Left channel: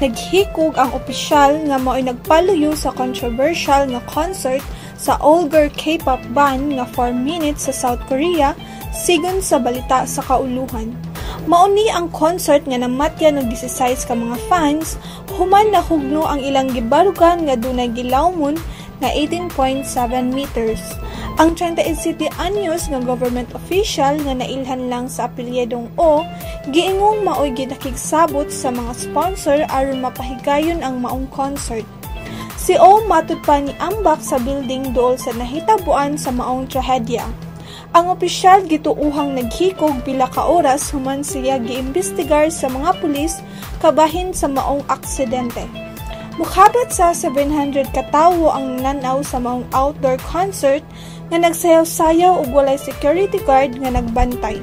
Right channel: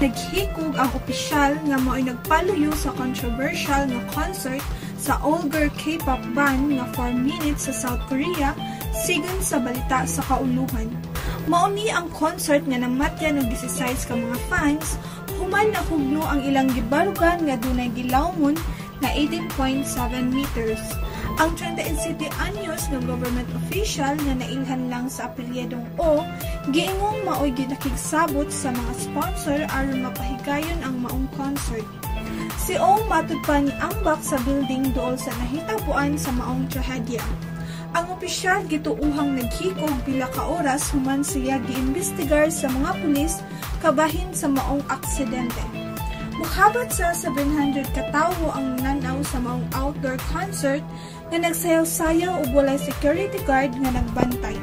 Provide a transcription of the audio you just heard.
Naghikog ang opisyal nga mao'y nagpaluyo sa controversial nga concert sa all-girl K-pop band nga 4 Minutes sa South Korea sigon sa balita sa kauluhan. Mauni ang concert nga namatyan og 16 ka mga fans, human nahugno ang ilang gibarugan nga dunay gilawmon na 18.7 meters. Ang 37 anyos nga government official nga nailhan lang sa apelyedong O, giingong mao'y ginakigsabot sa mga sponsor aron mapahigayon ang maong concert. Si O matud pa ni ambak sa building duol sa nahitabuan sa maong trahedya. Ang opisyal gituuhang naghikog pila ka oras human siya giimbestigar sa mga pulis kabahin sa maong aksidente. Mukhabat sa 700 ka tawo ang nanaw sa maong outdoor concert nga nagsayaw-sayaw ug walay security guard nga nagbantay.